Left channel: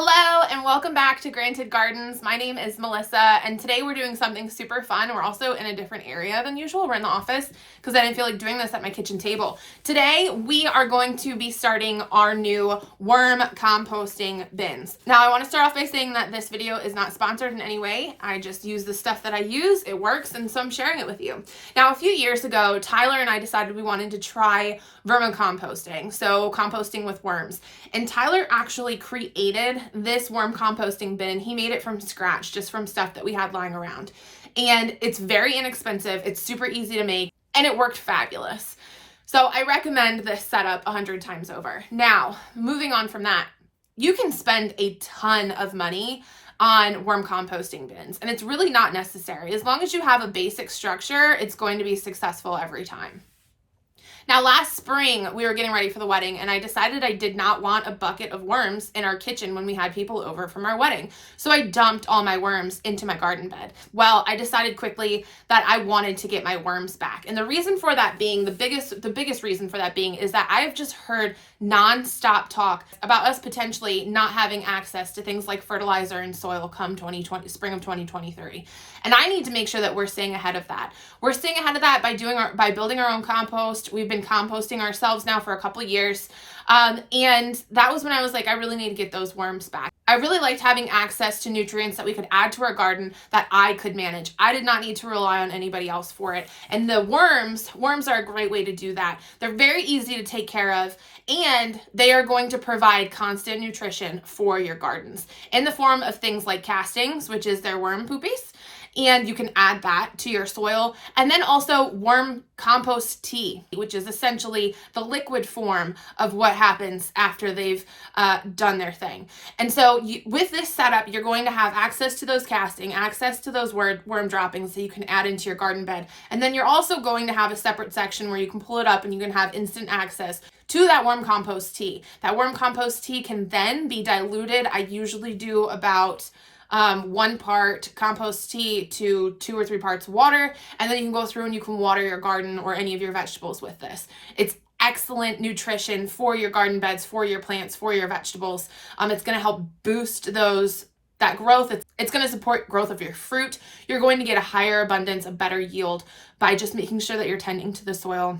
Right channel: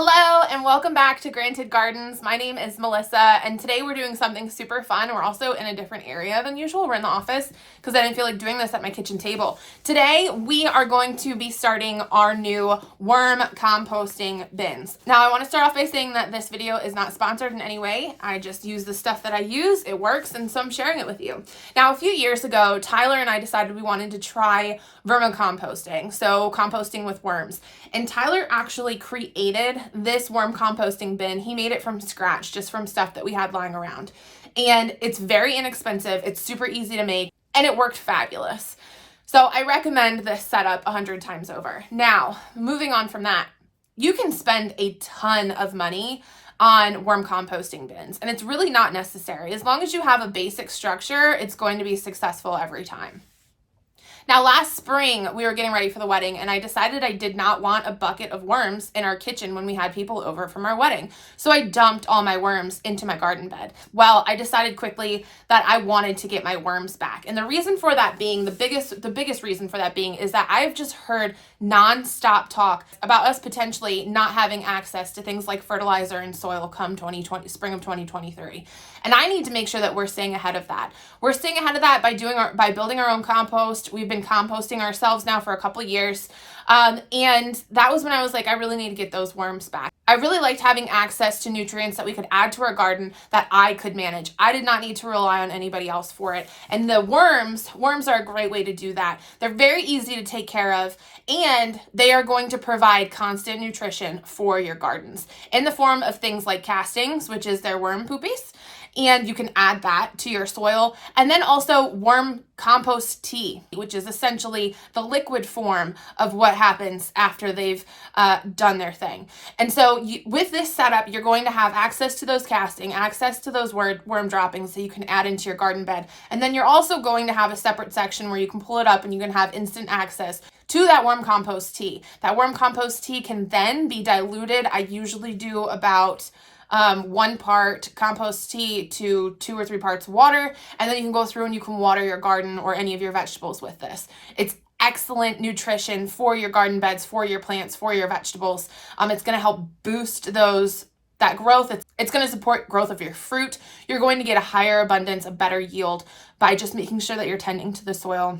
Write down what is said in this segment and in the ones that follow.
Hello and welcome back to Granted Gardens. My name is Melissa and today we're doing something super fun. We're also in a different area than usual. We're in the office because I didn't feel like doing this at my kitchen table. Today we are going to be starting our new worm composting bins. Now I want to start off by saying that this video is not sponsored in any way. I just use the stuff that I use. It works and so I'm sharing it with you. Now a few years ago, Tyler and I decided we wanted to try vermicomposting, so composting with worms. And Tyler actually created this worm composting bin. He made it from scratch, just from stuff that we had lying around. And it's very inexpensive, it's super easy to make, and it worked fabulous. So I recommend this setup 100 times over. Now, moving on from that, you can spend a ton of money on worm composting bins, and it's really not necessary. As long as you have a basic structure, it's going to be successful every time. Now, last spring, we were getting ready for the wedding, and I decided I did not want a bucket of worms in our kitchen when we had people over from our wedding. So I dumped all my worms into my garden bed. Well, I decided quickly that I wanted to get my worms back. And the reason for that being, the biggest reason for that being is that I've just heard nonstop talk about us potentially not having access to things like fertilizer and soil come spring of 2023. And I need to make sure that we're staying ahead of that. We're staying ahead of that by building our own compost. We've been composting ourselves now for a couple of years. And that was when I was like, I really need to get those worms back. I really liked having access to nutrients that we could add to our garden that I could manage. I did not need to rely on anybody else for it. And the worms are a great way to do that. They're very easy to take care of, and they are going to provide constant nutrition for your gardens in the form of things like castings, which is their worm poopies. And you can add that to your soil. And then also worm compost tea, which is essentially the liquid form of what happens after they've done their thing. And so with this setup, you're going to have access to those casting, access to those worm droppings that you can add into your garden bed. And then you're also going to have a separate section where you can pull it up and you can have instant access to that worm compost tea. That worm compost tea can then be diluted. I usually do about 1 part compost tea to 2 or 3 parts water, and then you can go through and you can water your garden or any of your vegetables with this. It's excellent nutrition for your garden beds, for your plants, for your vegetables. It's going to help boost that growth. It's going to support growth of your fruit. You're going to get a higher abundance, a better yield by just making sure that you're tending to the soil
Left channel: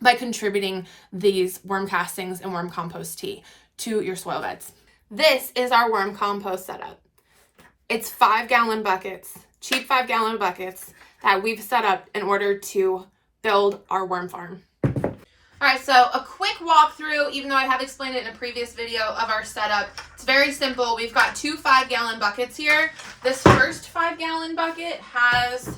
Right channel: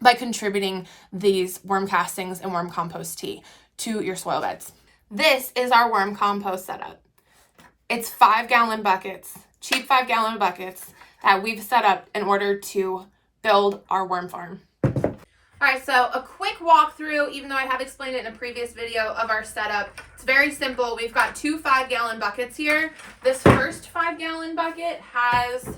by contributing these worm castings and worm compost tea to your soil beds. This is our worm compost setup. It's 5-gallon buckets, cheap 5-gallon buckets that we've set up in order to build our worm farm. All right, so a quick walkthrough, even though I have explained it in a previous video of our setup. It's very simple. We've got 2 5-gallon buckets here. This first 5-gallon bucket has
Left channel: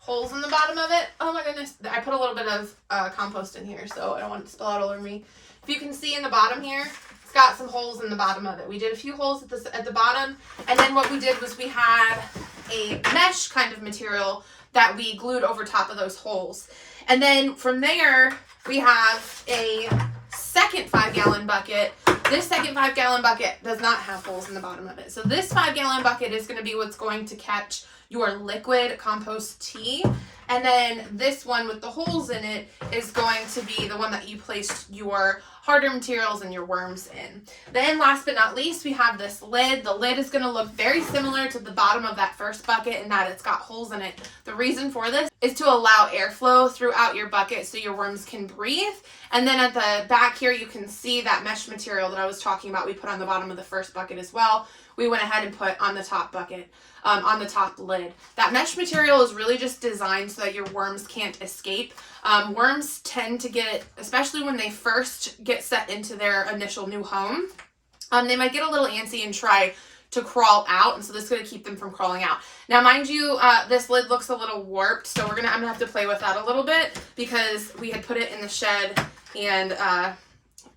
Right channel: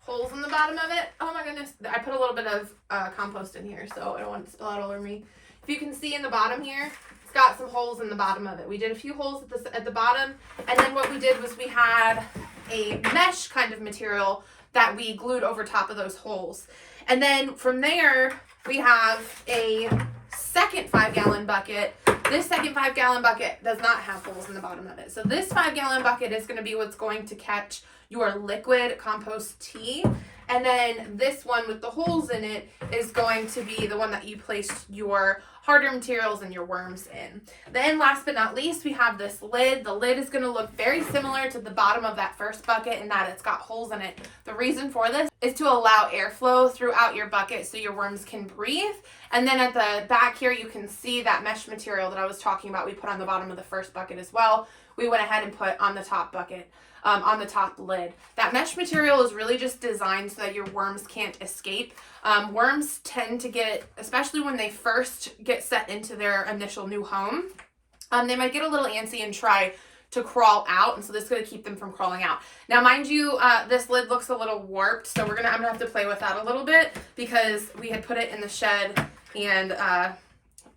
holes in the bottom of it. Oh my goodness, I put a little bit of compost in here, so I don't want it to spill out all over me. If you can see in the bottom here, got some holes in the bottom of it. We did a few holes at the bottom, and then what we did was we had a mesh kind of material that we glued over top of those holes. And then from there, we have a second 5-gallon bucket. This second 5-gallon bucket does not have holes in the bottom of it. So this 5-gallon bucket is going to be what's going to catch your liquid compost tea. And then this one with the holes in it is going to be the one that you place your harder materials and your worms in. Then last but not least, we have this lid. The lid is going to look very similar to the bottom of that first bucket in that it's got holes in it. The reason for this is to allow airflow throughout your bucket so your worms can breathe. And then at the back here, you can see that mesh material that I was talking about we put on the bottom of the first bucket as well. We went ahead and put on the top bucket. On the top lid. That mesh material is really just designed so that your worms can't escape. Worms tend to get, especially when they first get set into their initial new home, they might get a little antsy and try to crawl out, and so this is going to keep them from crawling out. Now, mind you, this lid looks a little warped, so I'm gonna have to play with that a little bit because we had put it in the shed and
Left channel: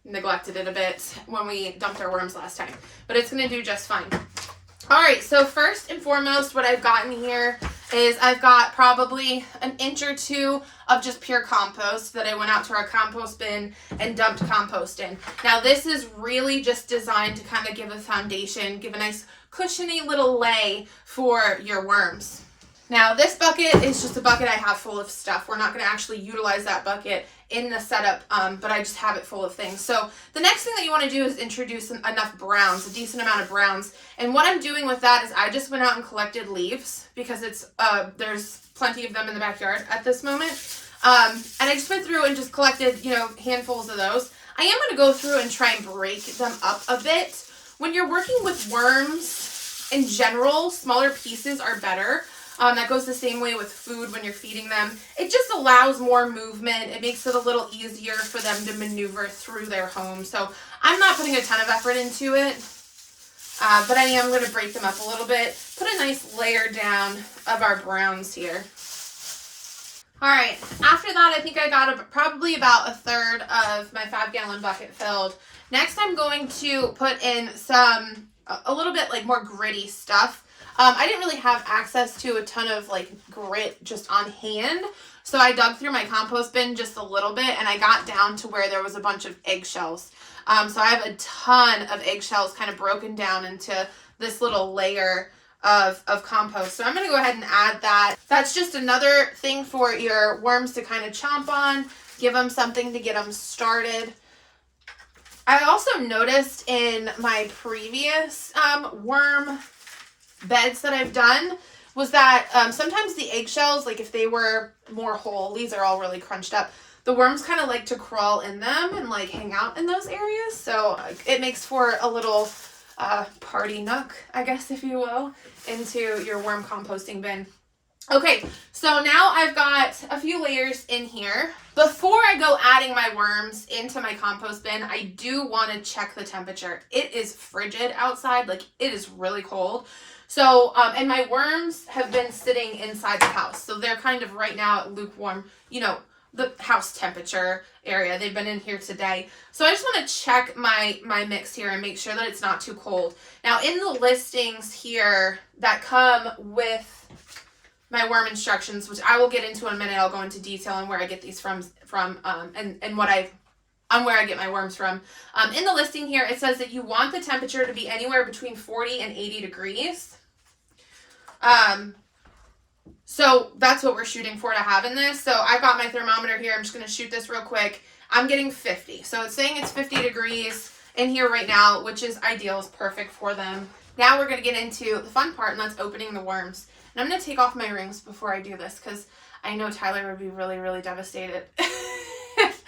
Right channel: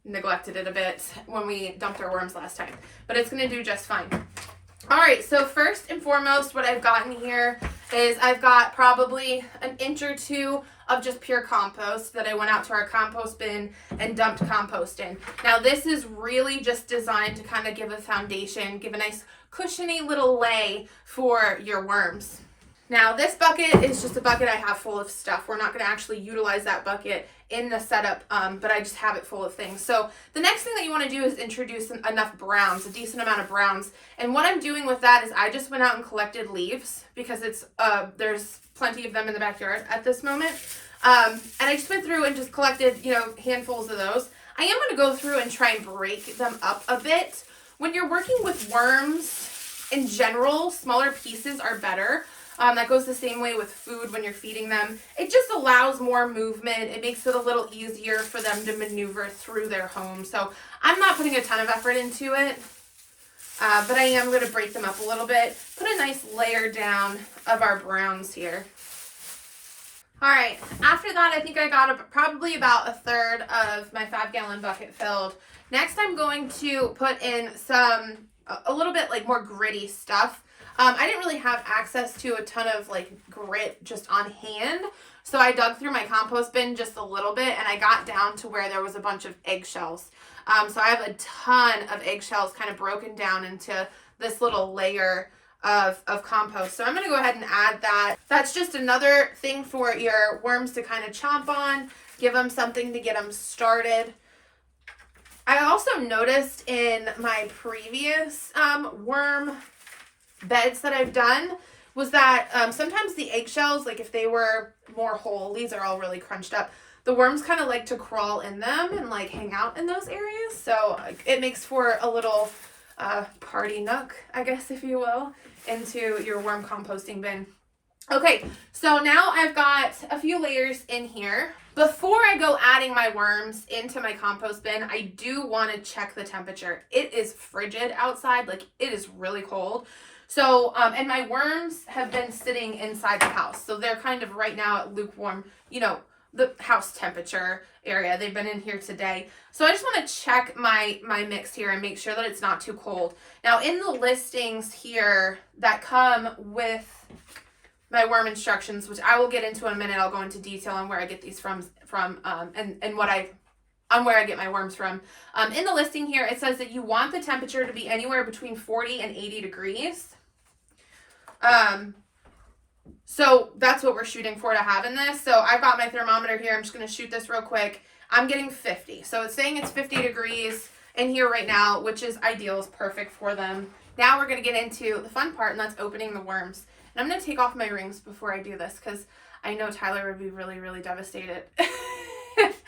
neglected it a bit when we dumped our worms last time, but it's going to do just fine. All right, so first and foremost, what I've got in here is I've got probably 1 inch or 2 of just pure compost that I went out to our compost bin and dumped compost in. Now, this is really just designed to kind of give a foundation, give a nice cushiony little lay for your worms. Now, this bucket is just a bucket I have full of stuff. We're not going to actually utilize that bucket in the setup, but I just have it full of things. So the next thing that you want to do is introduce enough browns, a decent amount of browns. And what I'm doing with that is I just went out and collected leaves because there's plenty of them in the backyard at this moment. And I just went through and just collected, handfuls of those. I am going to go through and try and break them up a bit. When you're working with worms, in general, smaller pieces are better. That goes the same way with food when you're feeding them. It just allows more movement. It makes it a little easier for them to maneuver through their home. So I'm not putting a ton of effort into it, but I am going to break them up a little bit. Put a nice layer down of our browns here. All right, after that, I think I got probably about a third of my 5-gallon bucket filled. Next, I'm going to put in a little bit like more gritty stuff. I didn't really have access to a ton of like grit just on hand. So I dug through my compost bin just a little bit and I got down to where there was a bunch of eggshells. So I have a ton of eggshells kind of broken down into this little layer of compost. So I'm going to go ahead and add that. That's just another thing for your worms to kind of chomp on, give them something to get them started. I also noticed in my previous worm beds that I've done was that sometimes the eggshells, like if they were more whole, these are all really crunched up, the worms kind of like to crawl in them and like hang out in those areas. So it makes for a little party nook, I guess, if you will, into your worm composting bin. Okay, so now I've got a few layers in here. Before I go adding my worms into my compost bin, I do want to check the temperature. It is frigid outside, like it is really cold. So, and my worms have been sitting inside the house. So they're kind of right now at lukewarm, the house temperature area. They've been in here today. So I just want to check my mix here and make sure that it's not too cold. Now in the listings here that come with my worm instructions, which I will get into in a minute, I'll go into detail on where I get these from and where I get my worms from. In the listing here, it says that you want the temperature to be anywhere between 40 and 80 degrees. So that's what we're shooting for to have in this. So I've got my thermometer here. I'm just going to shoot this real quick. I'm getting 50. So it's saying it's 50 degrees in here right now, which is ideal. It's perfect for them. Now we're going to get into the fun part, and that's opening the worms. And I'm going to take off my rings before I do this because I know Tyler would be really, really devastated if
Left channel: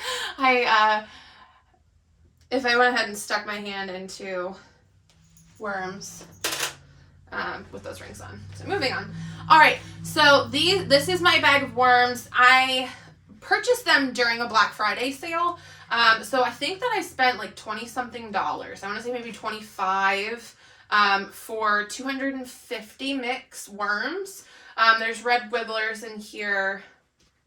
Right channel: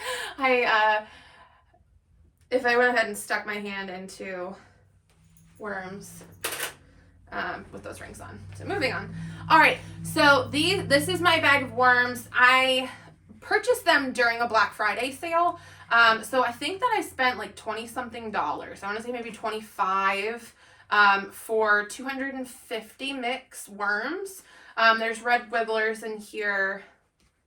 I went ahead and stuck my hand into worms with those rings on. So moving on. All right, so this is my bag of worms. I purchased them during a Black Friday sale. So I think that I spent like $20-something. I want to say maybe 25 for 250 mix worms. There's red wigglers in here,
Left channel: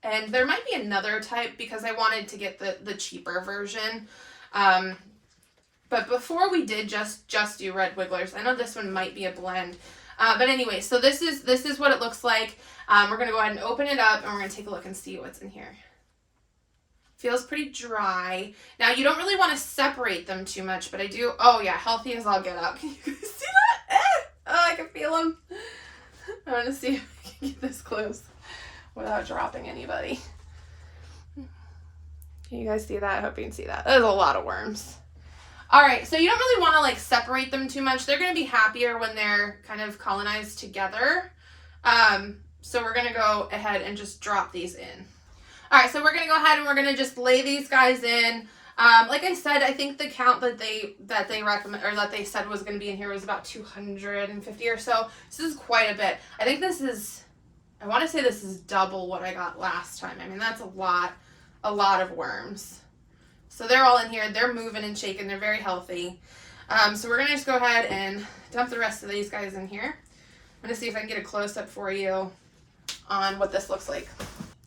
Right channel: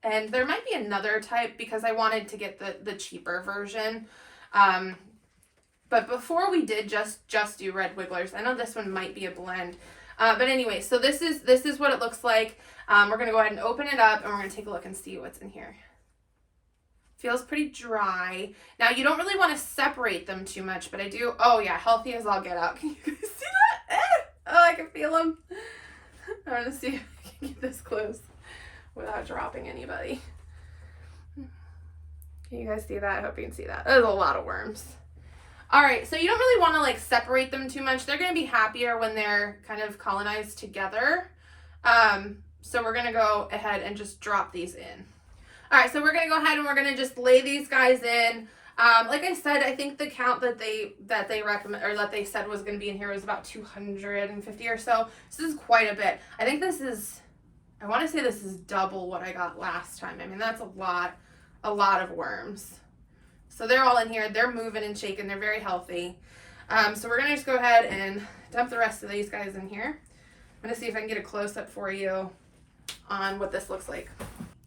and there might be another type because I wanted to get the cheaper version. But before we did just do red wigglers, I know this one might be a blend. But anyway, so this is what it looks like. We're going to go ahead and open it up, and we're going to take a look and see what's in here. Feels pretty dry. Now, you don't really want to separate them too much, but I do. Oh, yeah, healthy as I'll get up. Can you guys see that? Oh, I can feel them. I want to see if I can get this close without dropping anybody. Can you guys see that? I hope you can see that. There's a lot of worms. All right, so you don't really want to like separate them too much. They're going to be happier when they're kind of colonized together. So we're going to go ahead and just drop these in. All right, so we're going to go ahead and we're going to just lay these guys in. Like I said, I think the count that they recommend, or that they said was going to be in here was about 250 or so. So this is quite a bit. I think I want to say this is double what I got last time. I mean, that's a lot of worms. So they're all in here. They're moving and shaking. They're very healthy. So we're going to just go ahead and dump the rest of these guys in here. I'm going to see if I can get a close-up for you on what this looks like.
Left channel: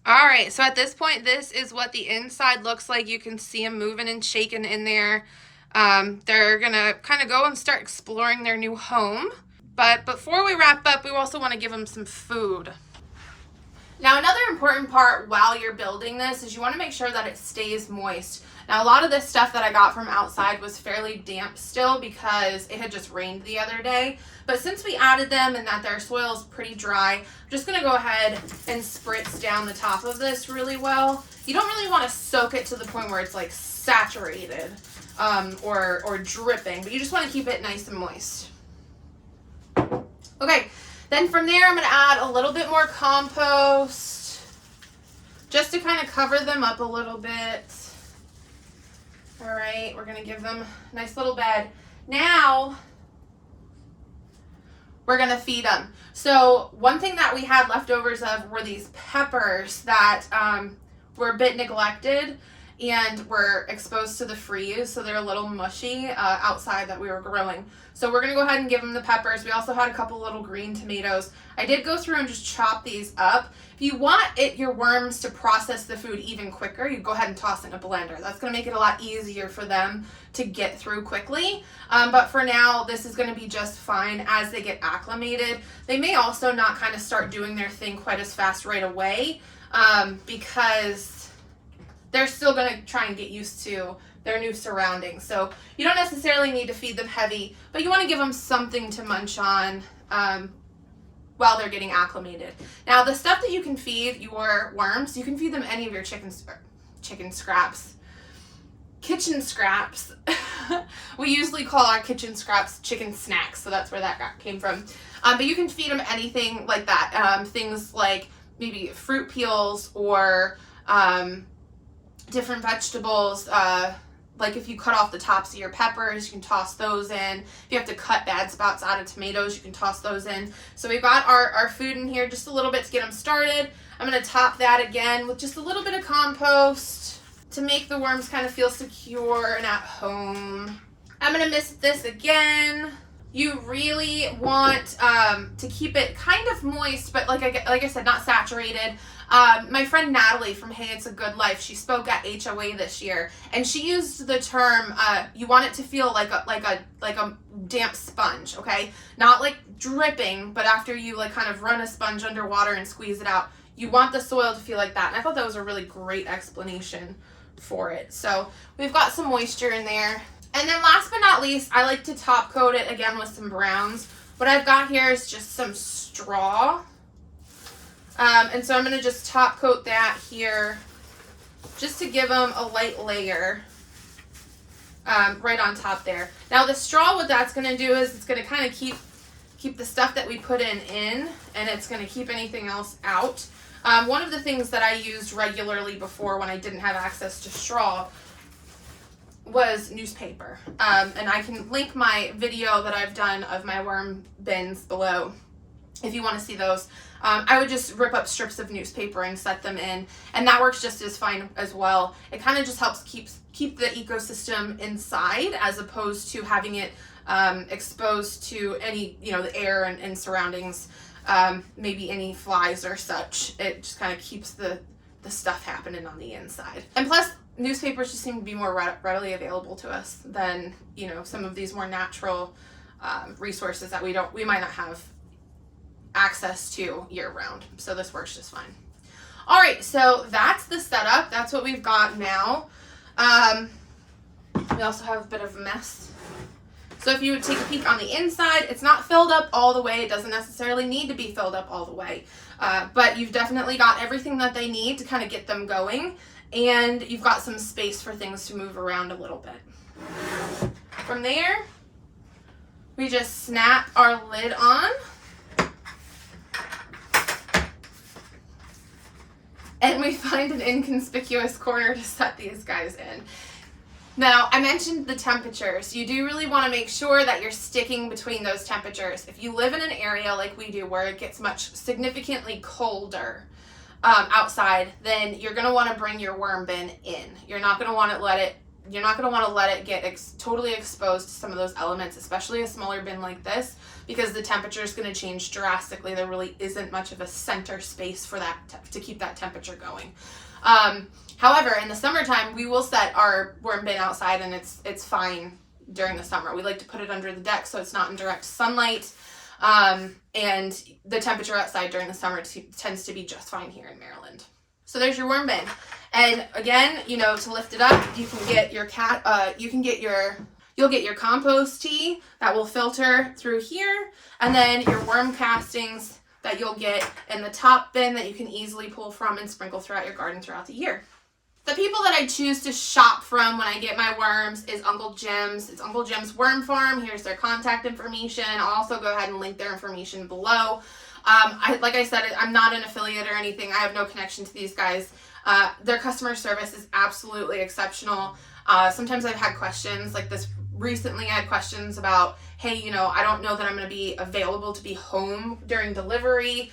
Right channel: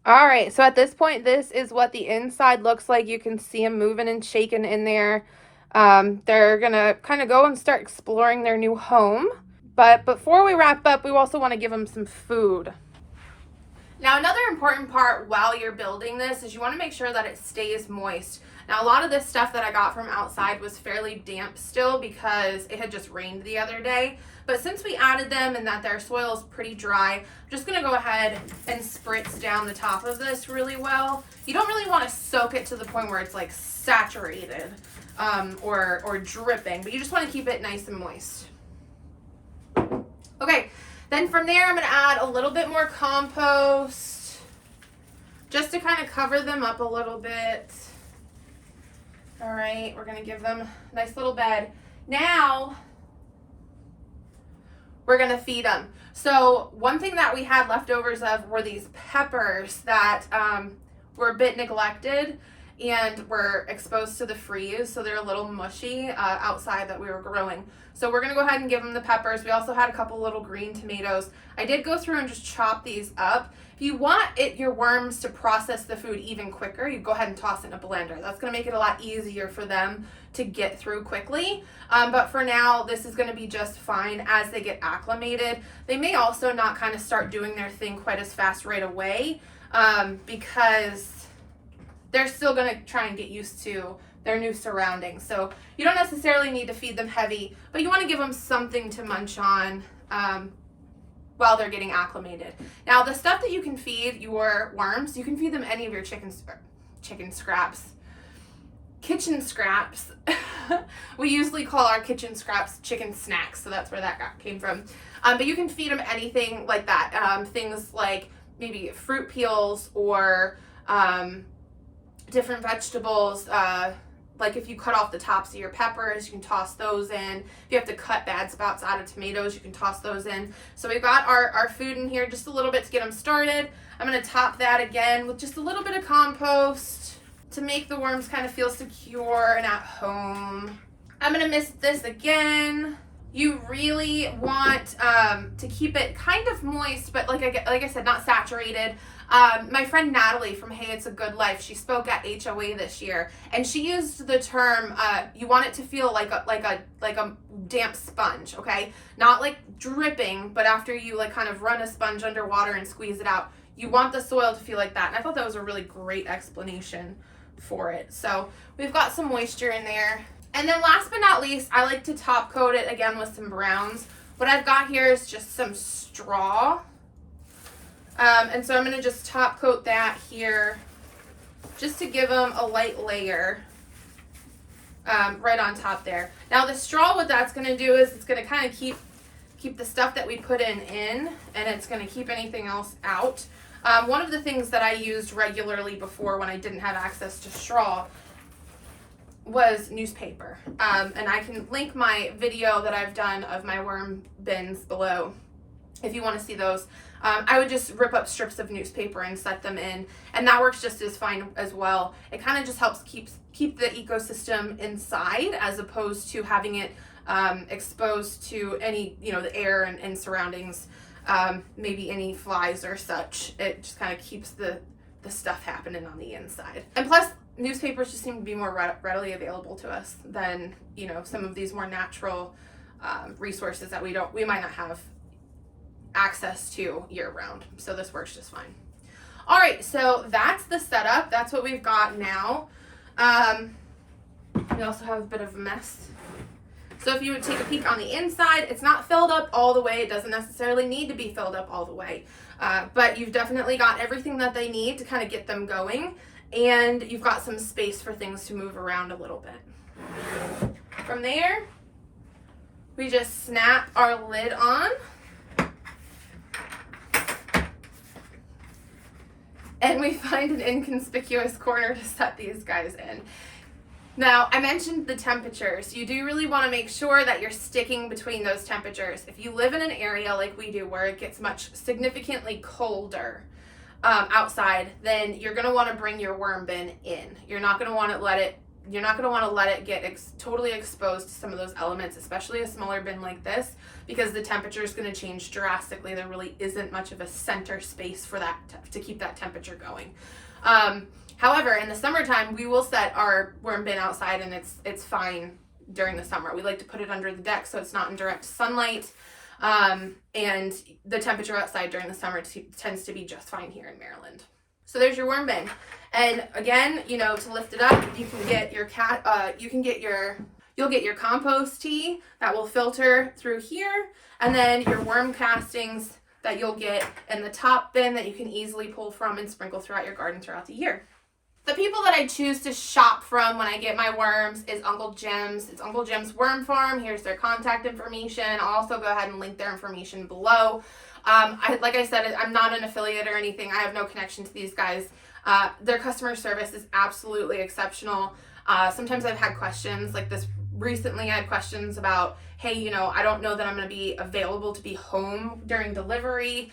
All right, so at this point, this is what the inside looks like. You can see them moving and shaking in there. They're going to kind of go and start exploring their new home. But before we wrap up, we also want to give them some food. Now, another important part while you're building this is you want to make sure that it stays moist. Now, a lot of this stuff that I got from outside was fairly damp still because it had just rained the other day. But since we added them and that their soil is pretty dry, I'm just going to go ahead and spritz down the top of this really well. You don't really want to soak it to the point where it's like saturated or dripping, but you just want to keep it nice and moist. Okay, then from there I'm going to add a little bit more compost just to kind of cover them up a little bit. All right, we're going to give them a nice little bed. Now we're going to feed them. So one thing that we had leftovers of were these peppers that were a bit neglected and were exposed to the freeze, so they're a little mushy outside that we were growing. So we're going to go ahead and give them the peppers. We also had a couple little green tomatoes. I did go through and just chop these up. If you want your worms to process the food even quicker, you go ahead and toss it in a blender. That's going to make it a lot easier for them to get through quickly. But for now, this is going to be just fine as they get acclimated. They may also not kind of start doing their thing quite as fast right away because they're still going to try and get used to their new surroundings. So you don't necessarily need to feed them heavy, but you want to give them something to munch on while they're getting acclimated. Now, the stuff that you can feed your worms, you can feed them any of your kitchen scraps. We usually call our kitchen scraps chicken snacks, so that's where that came from. But you can feed them anything like that. Things like maybe fruit peels or different vegetables. Like if you cut off the tops of your peppers, you can toss those in. If you have to cut bad spouts out of tomatoes, you can toss those in. So we've got our food in here just a little bit to get them started. I'm going to top that again with just a little bit of compost to make the worms kind of feel secure and at home. I'm going to mist this again. You really want to keep it kind of moist, but like I said, not saturated. My friend Natalie from Hey It's a Good Life, she spoke at HOA this year, and she used the term you want it to feel like a damp sponge, okay? Not like dripping, but after you like kind of run a sponge underwater and squeeze it out, you want the soil to feel like that. And I thought that was a really great explanation for it. So we've got some moisture in there. And then last but not least, I like to top coat it again with some browns. What I've got here is just some straw. And so I'm going to just top coat that here just to give them a light layer right on top there. Now the straw, what that's going to do is it's going to kind of keep the stuff that we put in, and it's going to keep anything else out. One of the things that I used regularly before when I didn't have access to straw was newspaper. And I can link my video that I've done of my worm bins below if you want to see those. I would just rip up strips of newspaper and set them in, and that works just as fine as well. It kind of just helps keep the ecosystem inside as opposed to having it exposed to any, the air and surroundings, maybe any flies or such. It just kind of keeps the stuff happening on the inside. And plus, newspapers just seem to be more readily available to us than, some of these more natural resources that we might not have access to year round. So this works just fine. All right, so that's the setup. That's what we've got now. We also have a bit of a mess. So if you would take a peek on the inside, it's not filled up all the way. It doesn't necessarily need to be filled up all the way. But you've definitely got everything that they need to kind of get them going. And you've got some space for things to move around a little bit. From there, we just snap our lid on. And we find an inconspicuous corner to set these guys in. Now, I mentioned the temperatures. You do really want to make sure that you're sticking between those temperatures. If you live in an area like we do where it gets significantly colder outside, then you're going to want to bring your worm bin in. You're not going to want to let it get totally exposed to some of those elements, especially a smaller bin like this, because the temperature is going to change drastically. There really isn't much of a center space for that to keep that temperature going. However, in the summertime, we will set our worm bin outside, and it's fine during the summer. We like to put it under the deck so it's not in direct sunlight, and the temperature outside during the summer tends to be just fine here in Maryland. So there's your worm bin. And again, you know, to lift it up, you can get your you'll get your compost tea that will filter through here, and then your worm castings that you'll get in the top bin that you can easily pull from and sprinkle throughout your garden throughout the year. The people that I choose to shop from when I get my worms is Uncle Jim's. It's Uncle Jim's Worm Farm. Here's their contact information. I'll also go ahead and link their information below. Like I said, I'm not an affiliate or anything. I have no connection to these guys. Their customer service is absolutely exceptional. Sometimes I've had questions like this. Recently, I had questions about, hey, you know, I don't know that I'm going to be available to be home during delivery.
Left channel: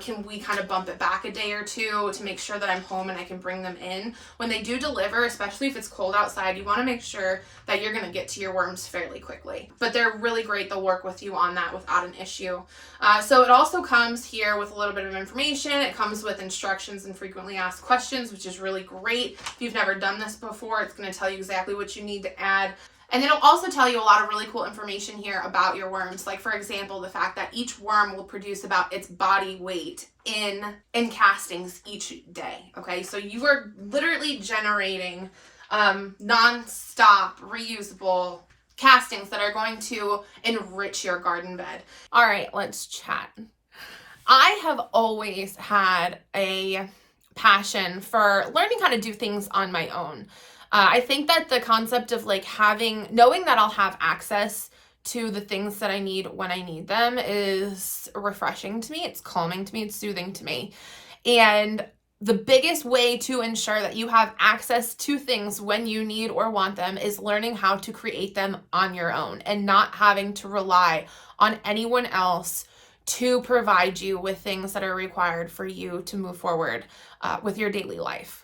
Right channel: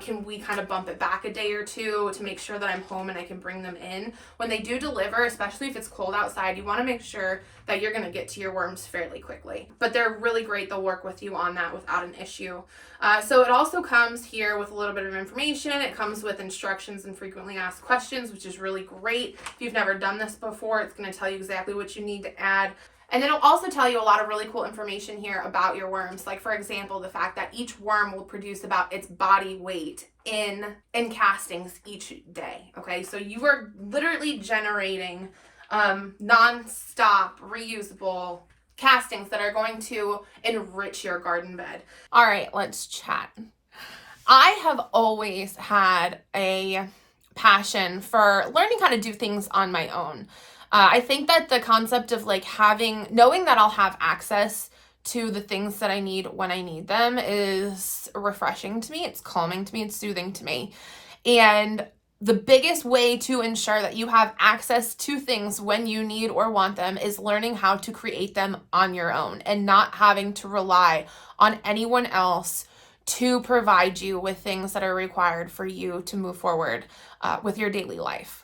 Can we kind of bump it back a day or two to make sure that I'm home and I can bring them in? When they do deliver, especially if it's cold outside, you want to make sure that you're going to get to your worms fairly quickly. But they're really great. They'll work with you on that without an issue. So it also comes here with a little bit of information. It comes with instructions and frequently asked questions, which is really great. If you've never done this before, it's going to tell you exactly what you need to add. And it'll also tell you a lot of really cool information here about your worms. Like, for example, the fact that each worm will produce about its body weight in castings each day. Okay, so you are literally generating non-stop reusable castings that are going to enrich your garden bed. All right, let's chat. I have always had a passion for learning how to do things on my own. I think that the concept of like knowing that I'll have access to the things that I need when I need them is refreshing to me. It's calming to me. It's soothing to me. And the biggest way to ensure that you have access to things when you need or want them is learning how to create them on your own and not having to rely on anyone else to provide you with things that are required for you to move forward with your daily life.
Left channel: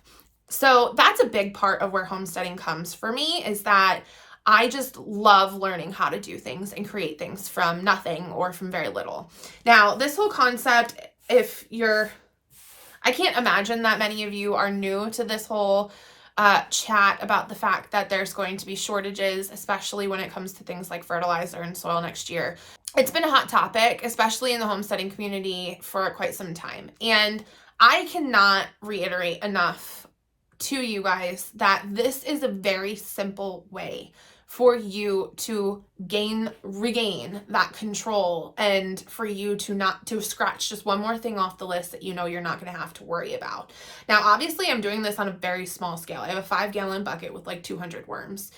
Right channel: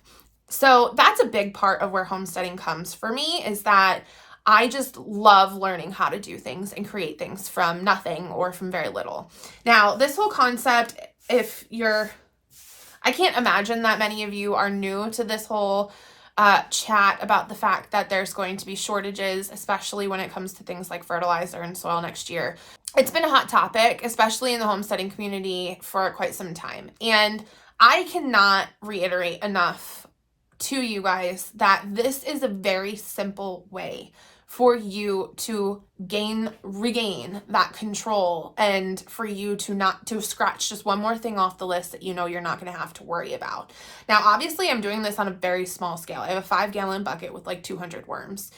So that's a big part of where homesteading comes for me, is that I just love learning how to do things and create things from nothing or from very little. Now, this whole concept, I can't imagine that many of you are new to this whole chat about the fact that there's going to be shortages, especially when it comes to things like fertilizer and soil next year. It's been a hot topic, especially in the homesteading community, for quite some time. And I cannot reiterate enough to you guys that this is a very simple way for you to regain that control, and for you to not to scratch just one more thing off the list that you know you're not going to have to worry about. Now, obviously, I'm doing this on a very small scale. I have a 5-gallon bucket with like 200 worms,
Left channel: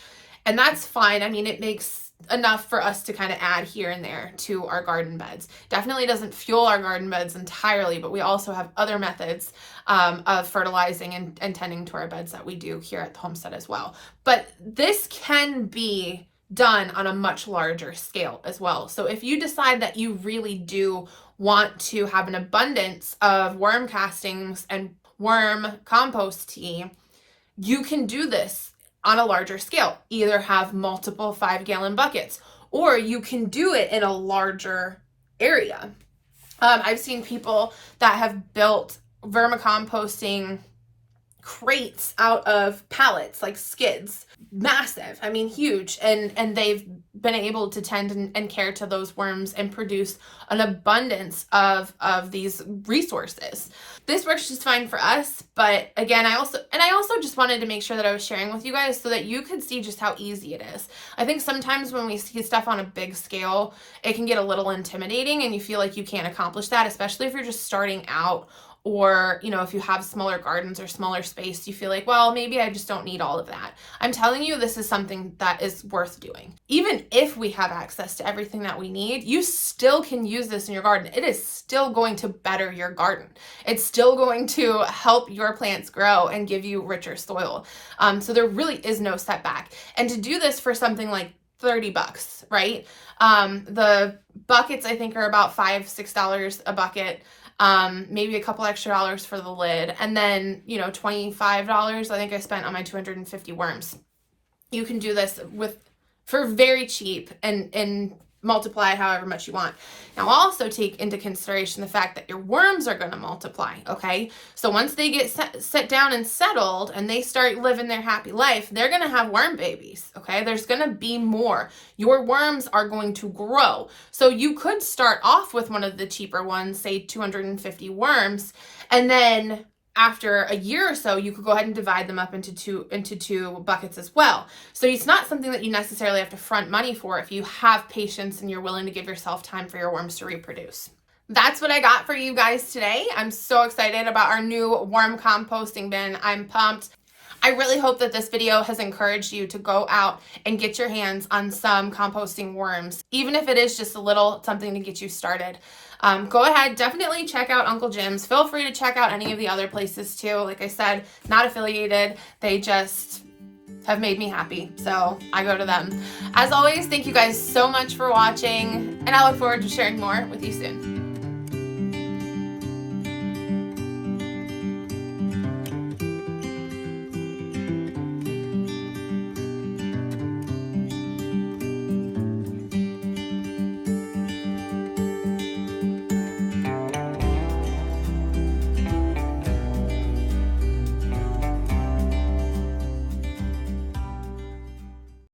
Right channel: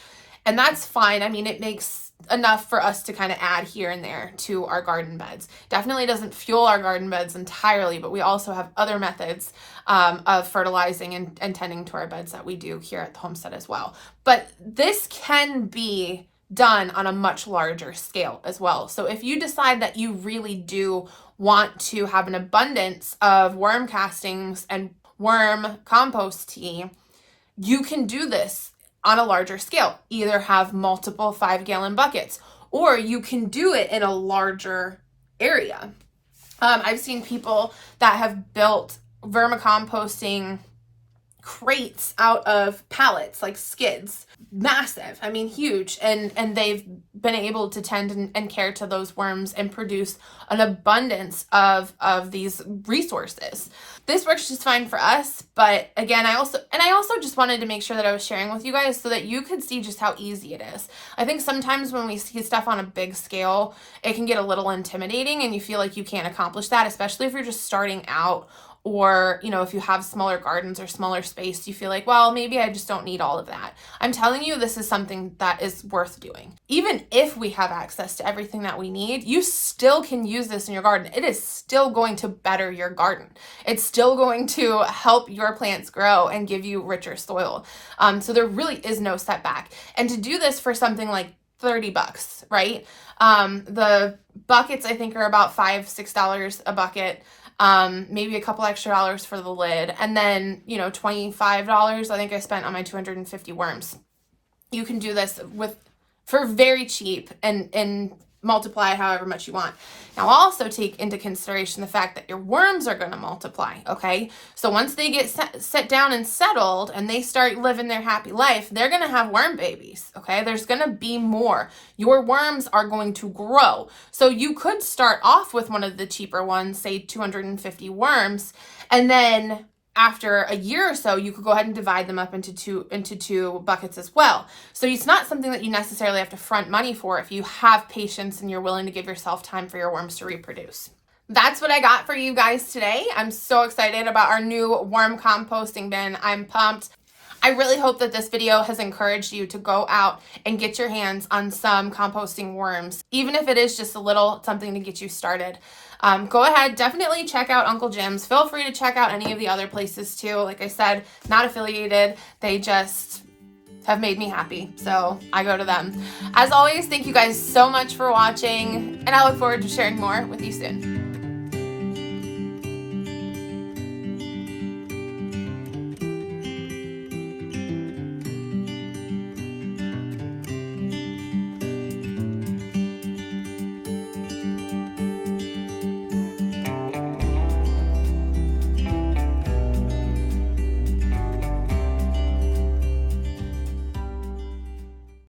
and that's fine. I mean, it makes enough for us to kind of add here and there to our garden beds. Definitely doesn't fuel our garden beds entirely, but we also have other methods of fertilizing and tending to our beds that we do here at the homestead as well. But this can be done on a much larger scale as well. So if you decide that you really do want to have an abundance of worm castings and worm compost tea, you can do this on a larger scale. Either have multiple 5-gallon buckets, or you can do it in a larger area. I've seen people that have built vermicomposting crates out of pallets, like skids, massive, I mean huge, and they've been able to tend and care to those worms and produce an abundance of these resources. This works just fine for us, but again, I also just wanted to make sure that I was sharing with you guys so that you could see just how easy it is. I think sometimes when we see stuff on a big scale, it can get a little intimidating and you feel like you can't accomplish that, especially if you're just starting out, or, you know, if you have smaller gardens or smaller space, you feel like, well, maybe I just don't need all of that. I'm telling you, this is something that is worth doing. Even if we have access to everything that we need, you still can use this in your garden. It is still going to better your garden. It's still going to help your plants grow and give you richer soil. So there really is no setback. And to do this for something like $30, right? The buckets, I think, are about $5-6 a bucket. Maybe a couple extra dollars for the lid, and then, you know, $25 I think I spent on my 250 worms. You can do this for very cheap and multiply however much you want. Now, also take into consideration the fact that your worms are going to multiply, okay? So once they get set down and settled and they start living their happy life, they're going to have worm babies, okay? There's going to be more. Your worms are going to grow. So you could start off with one of the cheaper ones, say 250 worms, and then after a year or so, you could go ahead and divide them up into two buckets as well. So it's not something that you necessarily have to front money for if you have patience and you're willing to give yourself time for your worms to reproduce. That's what I got for you guys today. I'm so excited about our new worm composting bin. I'm pumped. I really hope that this video has encouraged you to go out and get your hands on some composting worms, even if it is just a little something to get you started. Go ahead, definitely check out Uncle Jim's. Feel free to check out any of the other places too. Like I said, not affiliated. They just have made me happy, so I go to them. As always, thank you guys so much for watching, and I look forward to sharing more with you soon.